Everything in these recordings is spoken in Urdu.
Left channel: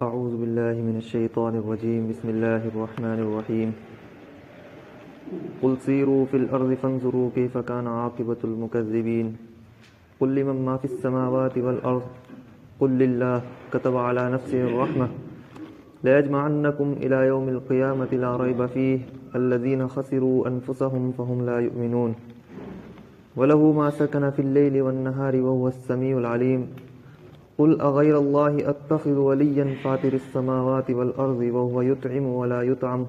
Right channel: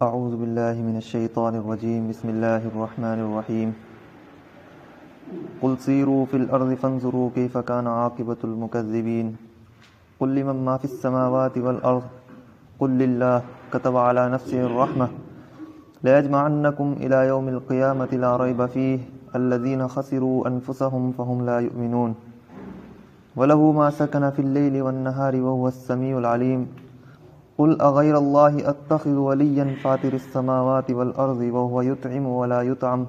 اعوذ باللہ من الشیطان الرجیم بسم اللہ الرحمن الرحیم قل سیروا فی الارض فانظروا کیف کان عاقبۃ المکذبین قل لمن ما فی السماوات والارض قل للہ کتب علی نفسہ الرحمہ لیجمعنکم الی یوم القیامۃ لا ریب فیہ الذین خسروا انفسهم فهم لا یؤمنون وله ما سکن فی اللیل والنہار وهو السمیع العلیم قل اغیر اللہ اتخذ ولیا فاطر السماوات والارض وهو يطعم ولا يطعم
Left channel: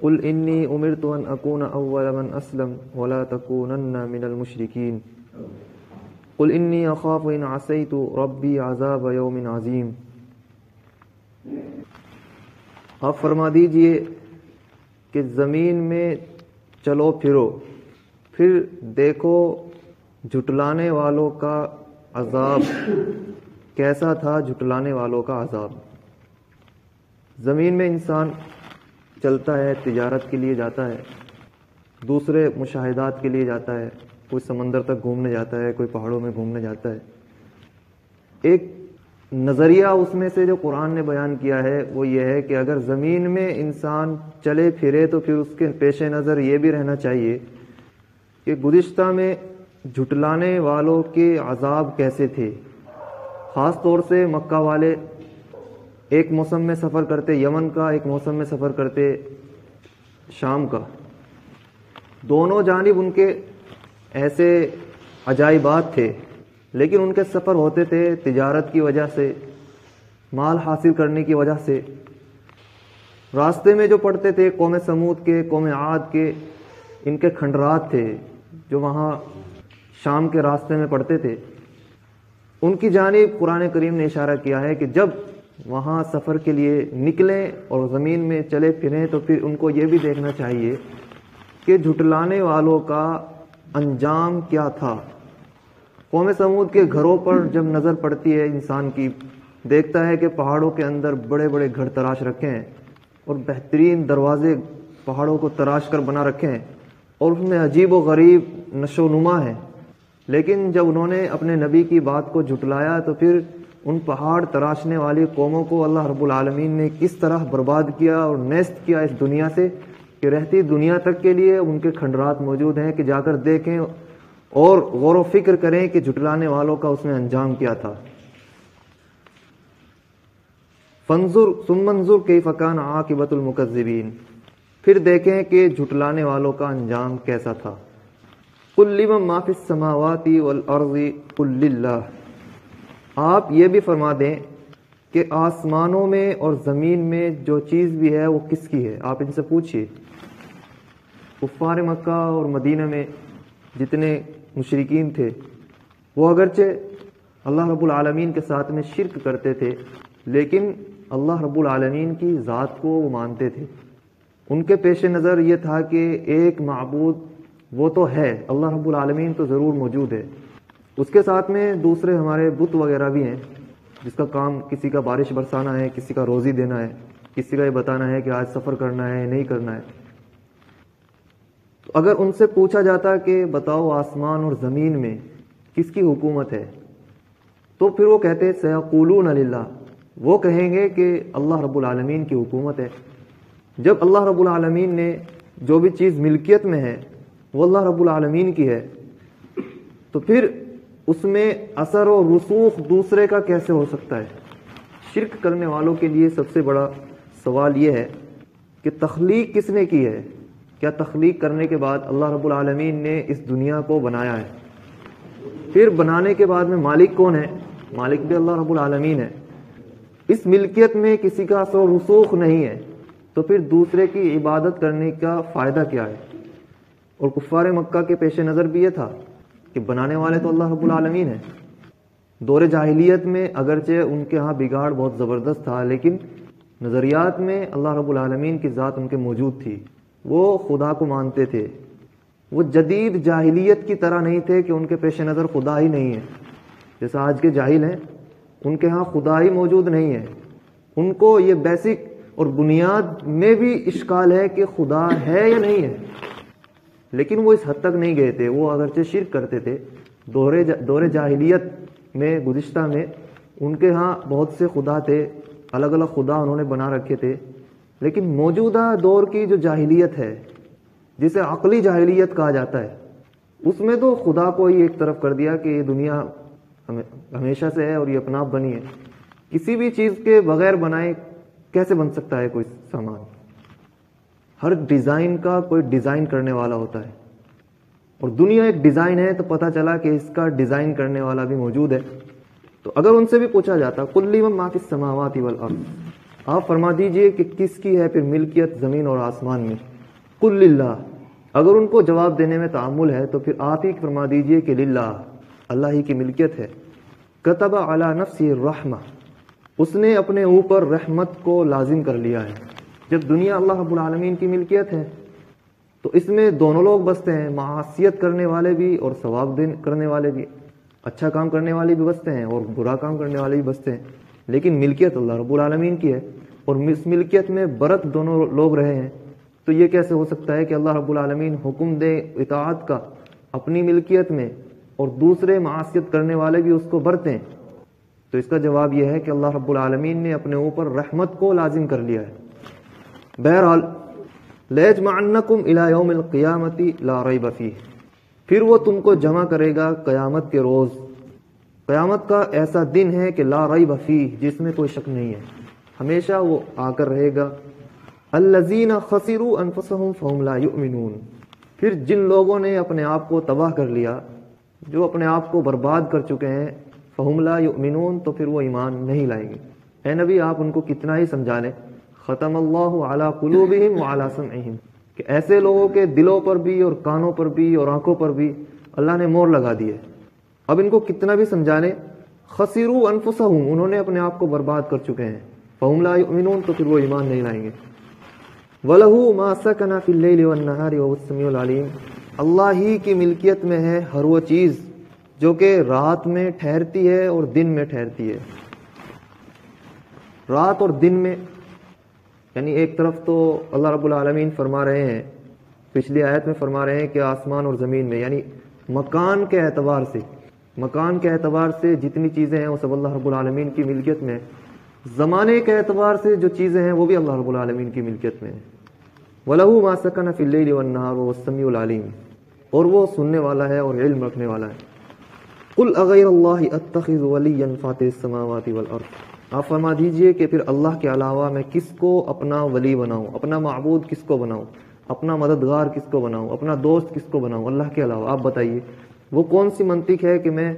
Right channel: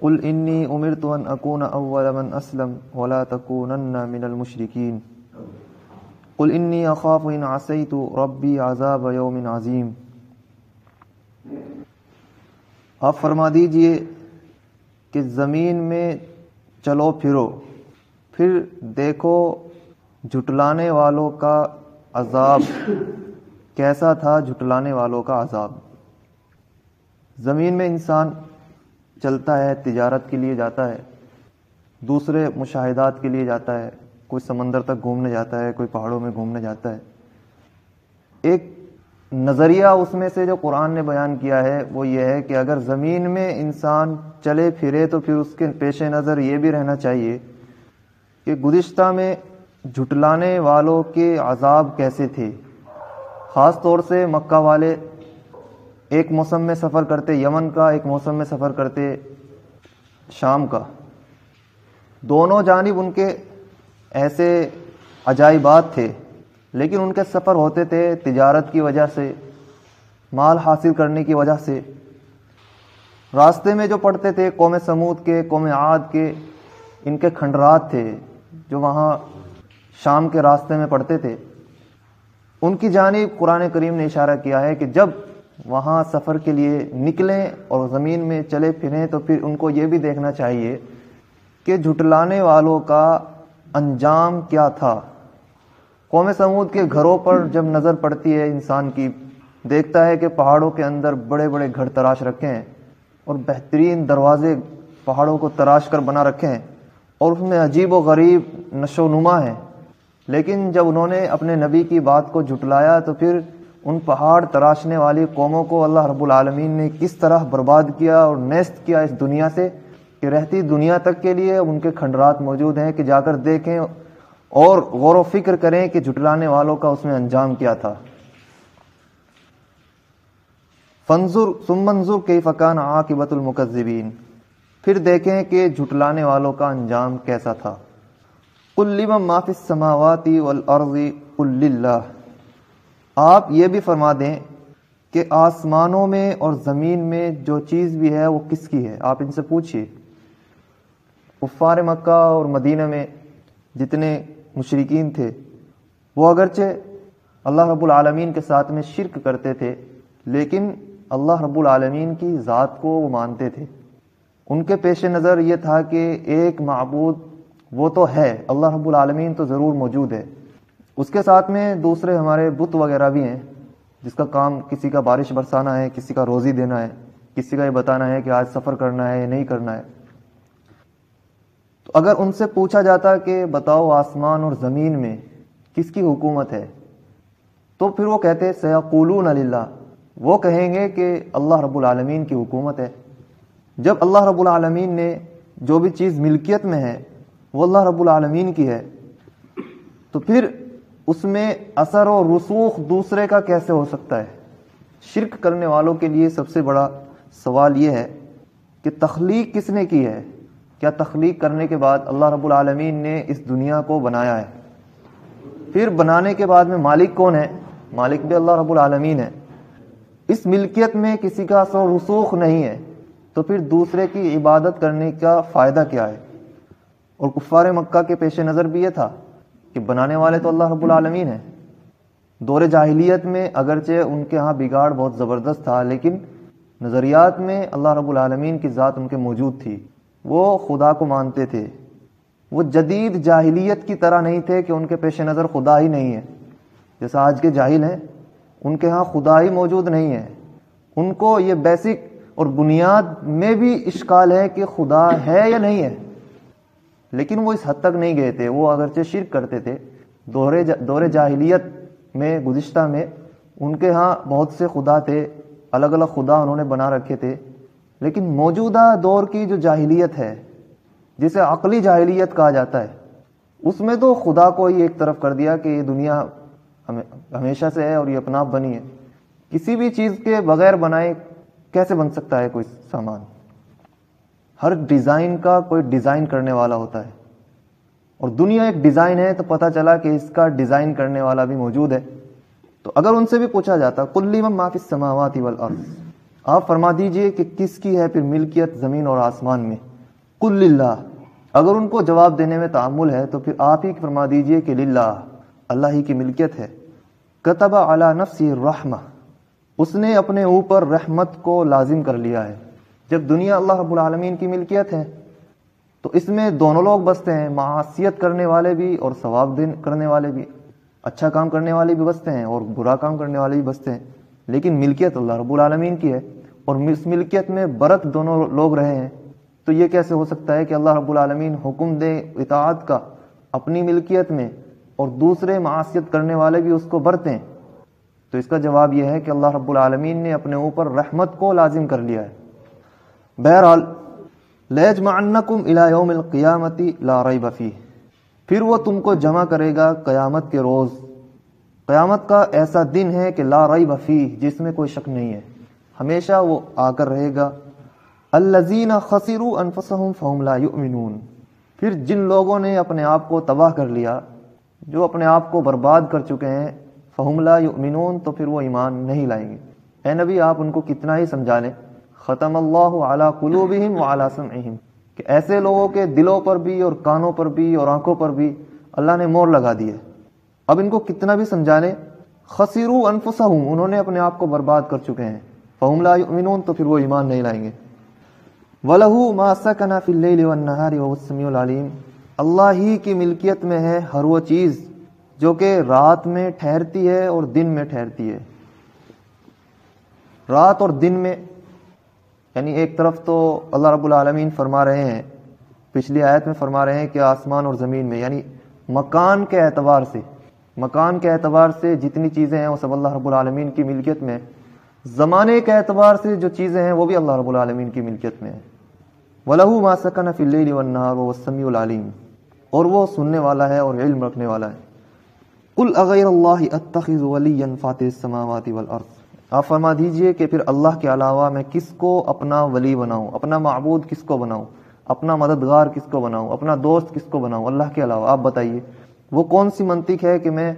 قل انی امرت ان اکون اول من اسلم ولا تکونن من المشرکین قل انی اخاف ان عصیت ربی عذاب یوم عظیم۔ آپ فرما دیجئے کہ زمین میں چلو پھرو، پھر دیکھو جھٹلانے والوں کا عذاب کیسا تھا، جھٹلانے والوں کا عذاب۔ زمین میں انسان چلتا ہے، تجارت کے لیے جاتا ہے، دوسرے مشاہدات کے لیے جاتا ہے، کوئی سمندر تک گھومنے جاتا ہے، کوئی پہاڑوں میں گھومنے جاتا ہے۔ ایک نظریہ اس میں سے جو قرآن نے بیان کیا ہے وہ یہ ہے کہ اگر زمین میں انسان چلے پھرے تو پھر اس کے پیش نظر یہ بھی رہنا چاہیے کہ گزشتہ میں جھٹلانے والوں کے عذاب کیسے تھے۔ خاص طور سے مکہ والے ایک موسم میں سفر کرتے یمن کا، ایک موسم میں سفر کرتے شام کا، دونوں جانب ان کے ایسے عجائبات تھے، لیکن ان کے سفر ہوتے تھے تجارت کی وجہ سے، مال حاصل کرنے کی وجہ سے۔ راستے میں جو پڑتے تھے قوم سمود کے، قوم عاد کے، ان کے کھنڈرات تھے جو وہاں شام کے راستے میں پڑتے تھے، ان کی جانب قرآن کریم نے اشارہ کیا ہے کہ جب وہاں سفر کے لیے نکلیں اور زمین میں چلے پھریں تو پھر ان کو یہ بھی دیکھنا چاہیے کہ جھٹلانے والوں کا انجام کیا تھا۔ قوم سمود کے گھروں پر جب نظر پڑتی ہے انسان کی، دیکھتا ہے کہ پہاڑوں کے اندر بڑے بڑے گھر تراش رکھے ہیں اور بہترین دروازے پہاڑوں کو تراش کر بنا رکھے ہیں اور اس میں عجیب و غریب نشو و نما ہیں، لیکن جب انہوں نے اپنے نبی کی بات کو جھٹلایا تو پھر ان پہاڑ تراشنے والی قوموں کو اللہ رب العالمین نے کس طرح برباد کیا اور نیست کیا اس دنیا سے کہ رہتی دنیا تک کے لیے ان کے کھنڈرات موجود ہیں کہ جا کر دیکھیں اور غور و فکر کریں کہ جھٹلانے والوں کا اس میں انجام کیا تھا۔ فانظر ثم انظر کیف کان عاقبۃ المکذبین، پھر دیکھیں کہ جھٹلانے والوں کا انجام کیسا تھا۔ قل لمن ما فی السماوات والارض قل للہ، آپ یہ بھی فرما دیں کہ آسمانوں میں اور زمین میں جو چیز بھی ہے وہ کس کی ہے۔ آپ ان سے پوچھئے، کفار مکہ اور مدینہ میں جتنے مشرکین تھے وہ اگرچہ اللہ رب العالمین کے ساتھ میں شرک کرتے تھے، لیکن اللہ رب العالمین کی ذات کو وہ مانتے تھے۔ ان کے پیش نظر یہ تھا کہ ایک معبود وہ تو ہے، اللہ رب العالمین تو ضرور موجود ہے، اس کے ساتھ میں دوسرے ہمارے بت وغیرہ بھی ہیں جس کا کام کسی کا بارش برسانا ہے، کسی کا روزی دینا ہے، کسی کا یہ بتانا ہے کہ آج سفر کرنا ہے یا نہیں کرنا ہے۔ تو اگر ان سے پوچھا جاتا کہ بتاؤ آسمان اور زمین میں کس کی حکومت ہے، تو پھر وہ کہتے سیقولون للہ، وہ کہیں گے کہ اللہ رب العالمین کی حکومت ہے۔ جب اللہ رب العالمین نے جو بھی چیز ملکیت میں ہے وہ اللہ رب العالمین کی ہے، تو پھر اس میں اثر و رسوخ دوسرے کا کیسے ہو سکتا ہے؟ شرک کرنے والوں کے لیے سب سے بڑا سوال یہ ہے کہ تخلیق کس نے کی ہے؟ کیا تخلیق کرنے کے بعد اللہ رب العالمین نے اس دنیا کو بنایا ہے؟ پھر بنانے کے بعد میں مالک کون ہے؟ مالک بھی اللہ رب العالمین ہے۔ اس ملکیت میں کسی کا اثر و رسوخ نہیں ہے، تو پھر دوسرے کی عبادت کرنے کا فائدہ کیا ہے؟ اور کفار مکہ کے پیش نظر بھی یہ تھا کہ بنانے والے تو اللہ رب العالمین ہیں۔ دور جاہلیت میں اگرچہ ان کے ہاں بگاڑ بہت زبردست تھا، لیکن نظریات میں اللہ رب العالمین کی ذات ان کے موجود تھی، وہ خدا کو مانتے تھے۔ وہ جدید جاہلیت کی طرح نہیں تھے کہ ان کے پیش نظر خدا ہی نہیں ہے، جیسا آج کے جاہل ہیں ان کے ہاں خدا ہی موجود نہیں ہے۔ ان کو یہ بیسک اور بنیاد میں بھی اشکال ہے کہ خدا ہے یا نہیں ہے، لیکن وہ اس حد تک نہیں گئے تھے۔ وہ اگرچہ شرک کرتے تھے، دور جاہلیت میں گزشتہ میں ان کے ہاں بہت سے خدا تھے، الگ الگ خدا انہوں نے بنا رکھے تھے، لیکن موجودہ دور کی جو جاہلیت ہے، جسے عقلی جاہلیت کہا جاتا ہے، اس میں تو خدا کو ہی ایک طرف کر دیا کہ یہ دنیا ہمیشہ سے ہے اور یہ اپنا آپ بنی ہے. کسی بھی چیز کے بغیر بنائے کیسے بن سکتا ہے کوئی سامان؟ ہر ڈیزائن کا کوئی ڈیزائن کرنے والا ہوتا ہے، اور دنیا ایک ڈیزائن ہے تو پتہ چلا کہ اس کا ڈیزائن کرنے والا بھی موجود ہے. تو اگر ان سے بھی پوچھا جاتا قل لمن ما فی السماوات والارض، آپ فرما دیجئے کہ کس کی ہے پھر ملکیت زمین اور آسمان میں؟ قل للہ، اگر ان کو جواب دینے میں تعامل ہے تو پھر آپ ہی فرما دیجئے کہ للہ، اللہ ہی کی ملکیت ہے. کتب علی نفسہ الرحمہ، اس نے اپنے اوپر رحمت کو لازم کر لیا ہے. جب دنیا اللہ رب العالمین کی ملکیت ہے تو اس میں دونوں لوگ بستے ہیں، معصیت کرنے والے بھی اور ثواب کرنے والے بھی، اچھا کام کرنے والے بھی بستے ہیں اور برا کام کرنے والے بھی بستے ہیں. لیکن ملکیت اللہ رب العالمین کی ہے، اور اس ملکیت میں برت دونوں لوگ رہے ہیں. تو یہ کیسے ہو سکتا ہے کہ اللہ رب العالمین حکم دے اطاعت کا اپنی ملکیت میں اور دوسرے معصیت کرنے والے بھی اس کو برتیں؟ تو اس کا جواب یہ ہے کہ اللہ رب العالمین نے اپنے اوپر رحمت کو لازم کر لیا ہے. بہرحال لَيَجْمَعَنَّكُمْ إِلَى يَوْمِ الْقِيَامَةِ لَا رَيْبَ فِيهِ، پھر وہ تم کو جمع کرے گا قیامت کے روز. قیامت کا ایسا دن ہے کہ لا ریب فیہ، جس میں کوئی شک نہیں ہے، ہمیشہ وہ آ کر رہے گا. الذین خسروا انفسهم فهم لا یؤمنون، پھر جن لوگوں نے اپنے آپ کو تباہ کر لیا، جو اپنے آپ کو برباد کر چکے ہیں، فهم لا یؤمنون، تو پھر وہ ایمان نہیں لائیں گے. اے نبی آپ ان کو کتنا ہی سمجھا لیں. ختم اللہ علی قلوبہم وعلی سمعہم، کہ ایسے لوگوں کے دلوں پر بھی اور کانوں پر بھی اور آنکھوں پر بھی اللہ نے مہر لگا دی ہے. اب ان کو کتنا بھی سمجھا لیں، خسروا انفسہم، انہوں نے اپنے آپ کو برباد کر چکے ہیں، فہم لا یؤمنون، تو پھر وہ ایمان نہیں لائیں گے. وَلَهُ مَا سَكَنَ فِي اللَّيْلِ وَالنَّهَارِ وَهُوَ السَّمِيعُ الْعَلِيمُ، اللہ ہی کی ملکیت میں ہے ہر وہ چیز جو کہ رات میں ٹھہرتی ہے اور دن میں ٹھہرتی ہے. رات اور دن میں، یعنی ایک طرف تو اللہ رب العالمین فرما رہے ہیں، پچھلی آیت میں فرما رہے ہیں کہ آسمان اور زمین میں، یعنی مکان کے اعتبار سے جتنی چیزیں ہیں وہ سب اللہ رب العالمین کی ملکیت میں ہے. زمانے کے اعتبار سے جو چیزیں ہیں وہ بھی اللہ رب العالمین کی ملکیت میں ہے. وَلَهُ مَا سَكَنَ فِي اللَّيْلِ وَالنَّهَارِ وَهُوَ السَّمِيعُ الْعَلِيمُ، اور وہ سننے والا ہے اور علم رکھنے والا ہے. قُلْ أَغَيْرَ اللَّهِ أَتَّخِذُ وَلِيًّا فَاطِرِ السَّمَاوَاتِ وَالْأَرْضِ، آپ فرما دیجئے کہ پھر اللہ کے علاوہ میں کس کو اپنا ولی بناؤں، اپنا معبود کس کو بناؤں، اپنا مددگار کس کو بناؤں، اپنا دوست کس کو بناؤں اللہ کے علاوہ؟ آپ بتائیے وہ کون سی منطق ہے کہ میں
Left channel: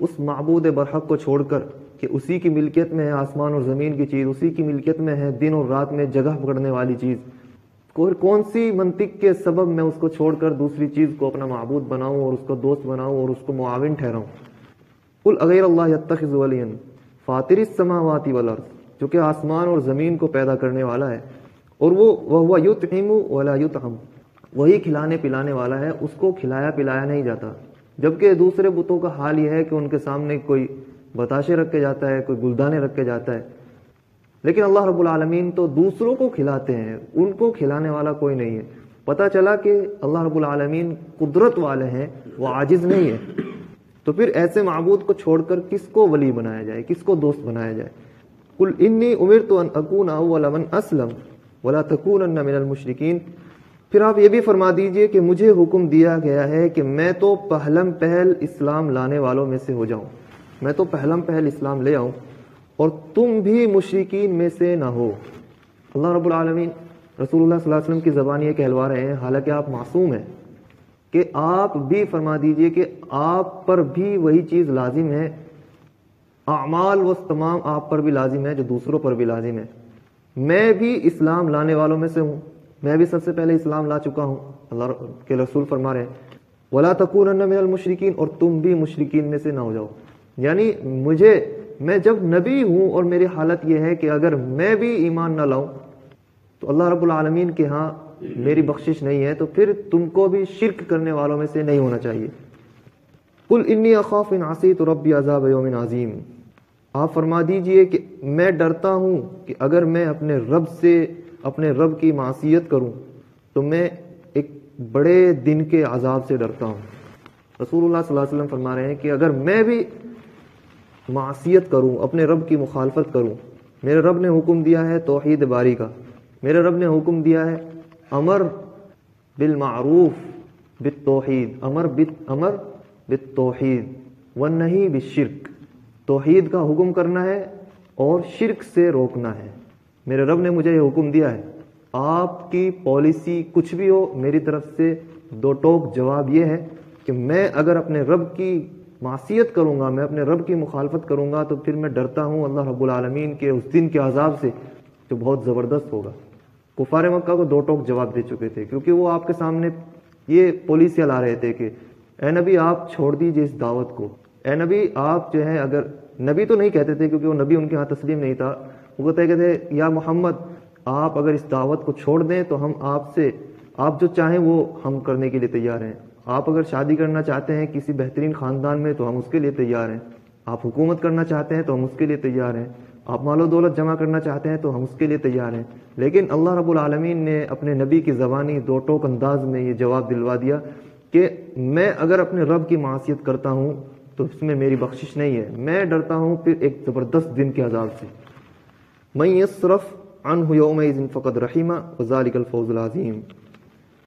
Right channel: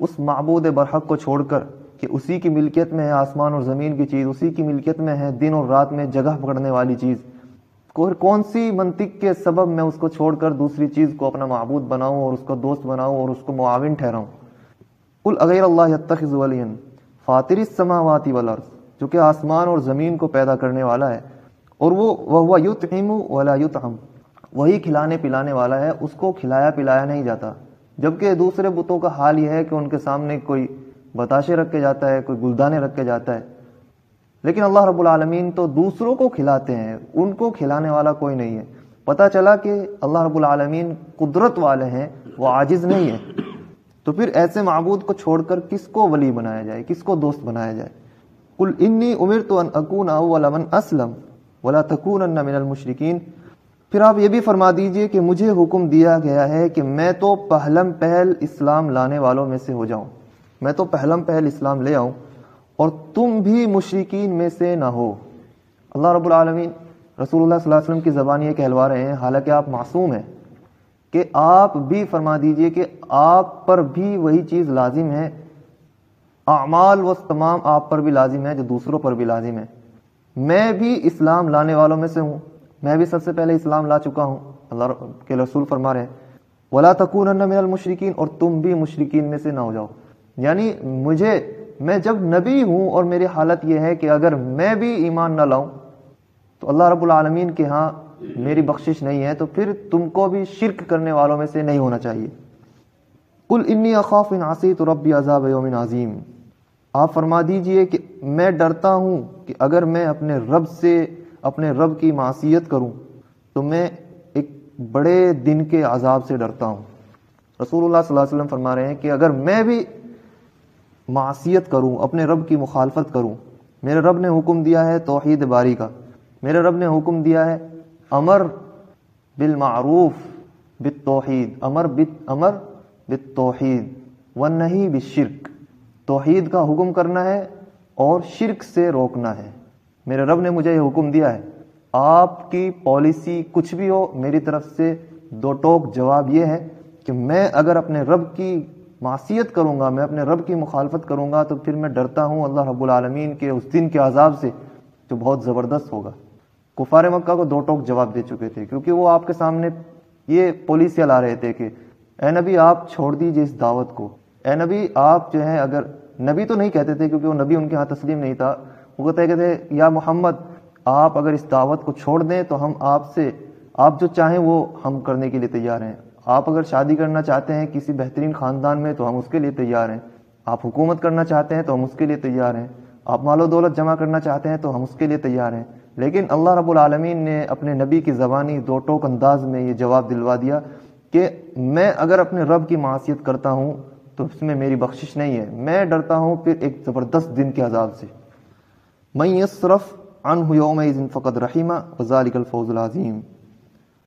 اس معبود برحق کو چھوڑ کر، کہ اسی کی ملکیت میں ہے آسمان اور زمین کی چیز، اسی کی ملکیت میں ہے دن اور رات میں جگہ پکڑنے والی چیز، کون سی منطق کے سبب میں اس کو چھوڑ کر دوسری چیز کو اپنا معبود بناؤں اور اس کو دوست بناؤں اور اس کو معاون ٹھہراؤں؟ قل اغیر اللہ اتخذ ولیا فاطر السماوات والارض، جو کہ آسمان اور زمین کو پیدا کرنے والا ہے، اور وہ یطعم ولا یطعم، وہی کھلانے پلانے والا ہے، اس کو کھلایا پلایا نہیں جاتا. جبکہ دوسرے بتوں کا حال یہ ہے کہ ان کے سامنے کوئی بتاشے رکھ کے جاتا ہے، کوئی گلدانے رکھ کے جاتا ہے، لیکن اللہ رب العالمین تو دوسروں کو کھلاتے ہیں، ان کو کھلانے والا کوئی نہیں ہے. پتہ چلا کہ اللہ رب العالمین قدرت والے ہیں، وہ عاجز نہیں ہے. تو پھر ایسے معبود کو چھوڑ کر کس کو ولی بنایا جائے، کس کو دوست بنایا جائے؟ قل انی امرت ان اکون اول من اسلم ولا تکونن من المشرکین، پھر آپ یہ بھی فرما دیجئے کہ مجھے حکم دیا گیا ہے کہ میں تو پہلم پہل اسلام لانے والوں میں سے ہو جاؤں، میں تو پہلم پہل اسلام لے آؤں، اور تم بھی مشرکین میں سے نہ ہو. اللہ رب العالمین رسول اللہ صلی اللہ علیہ وسلم کی زبان یہ کہلوا رہے ہیں، حالانکہ آپ معصوم ہیں، کہ آپ بھی فرما دیجئے کہ آپ پر بھی وہی چیز لازم ہے، اعمال و تمام آپ پر بھی لازم ہے جو دوسروں پر بھی لازم ہے. میں بھی اسلام لانے والوں میں سے ہوں، میں بھی سب سے پہلے اسلام لا چکا ہوں. اللہ کے رسول فرما رہے ہیں وَلَا تَكُونَنَّ مِنَ الْمُشْرِكِينَ، اور تم بھی مشرکین میں سے نہ ہو جاؤ. یعنی میں جب نبی ہوں اور میری حالت یہ ہے کہ اگر میں بھی ایمان نہ لاؤں تو اللہ رب العالمین کے ہاں میری بخشش نہیں ہے، تو پھر تم کو بھی شرک کرنے والوں میں سے نہیں ہونا چاہیے. قُلْ إِنِّي أَخَافُ إِنْ عَصَيْتُ رَبِّي عَذَابَ يَوْمٍ عَظِيمٍ، آپ فرما دیجئے کہ میں ڈرتا ہوں کہ اگر میں اپنے رب کی معصیت کروں تو میں ایک بڑے دن کے عذاب سے ڈرتا ہوں. رسول اللہ صلی اللہ علیہ وسلم فرما رہے ہیں کہ اگر میں بھی معصیت کروں، اپنے رب کی مخالفت کروں، میرے رب نے حکم دیا ہے توحید باری کا، میرے رب نے حکم دیا ہے امر بالمعروف بالتوحید، امر بالتوحید والنہی بالشرک، توحید کا حکم کرنا ہے اور شرک سے روکنا ہے۔ میرے رب نے مجھے یہ حکم دیا ہے، آپ کی پالیسی کچھ بھی ہو، میری طرف سے دو ٹوک جواب یہ ہے کہ میں اگر اپنے رب کی معصیت کروں گا، میں اپنے رب کی مخالفت کروں گا، تو پھر میں ڈرتا ہوں اللہ رب العالمین کے اس دن کے عذاب سے جو بہت زبردست ہوگا۔ کفار مکہ کو دو ٹوک جواب دے چکے تھے، کیونکہ وہ آپ کے سامنے یہ پالیسیاں لا رہے تھے کہ اے نبی آپ چھوڑ دیجئے اس دعوت کو، اے نبی آپ جو ہے، اگر نبی تو نہیں کہتے تھے کیونکہ وہ نبی ان کے ہاں تسلیم نہیں تھا، وہ کہتے تھے یا محمد آپ اگر اس دعوت کو چھوڑ دیں تو ہم آپ جو چاہیں وہ ہم کرنے کے لیے تیار ہیں، آپ اگر شادی کرنا چاہتے ہیں کسی بہترین خاندان میں تو ہم اس کے لیے تیار ہیں، آپ حکومت کرنا چاہتے ہیں تو ہم اس کے لیے تیار ہیں، آپ مال و دولت جمع کرنا چاہتے ہیں تو ہم اس کے لیے تیار ہیں۔ لیکن اللہ رب العالمین نے اپنے نبی کی زبانی دو ٹوک انداز میں یہ جواب دلوا دیا کہ میں اگر اپنے رب کی معصیت کرتا ہوں تو اس میں میری بخشش نہیں ہے، میں ڈرتا ہوں پھر ایک زبردست دن کے عذاب سے۔ من یصرف عنہ یومئذ فقد رحمہ وذلک الفوز العظیم۔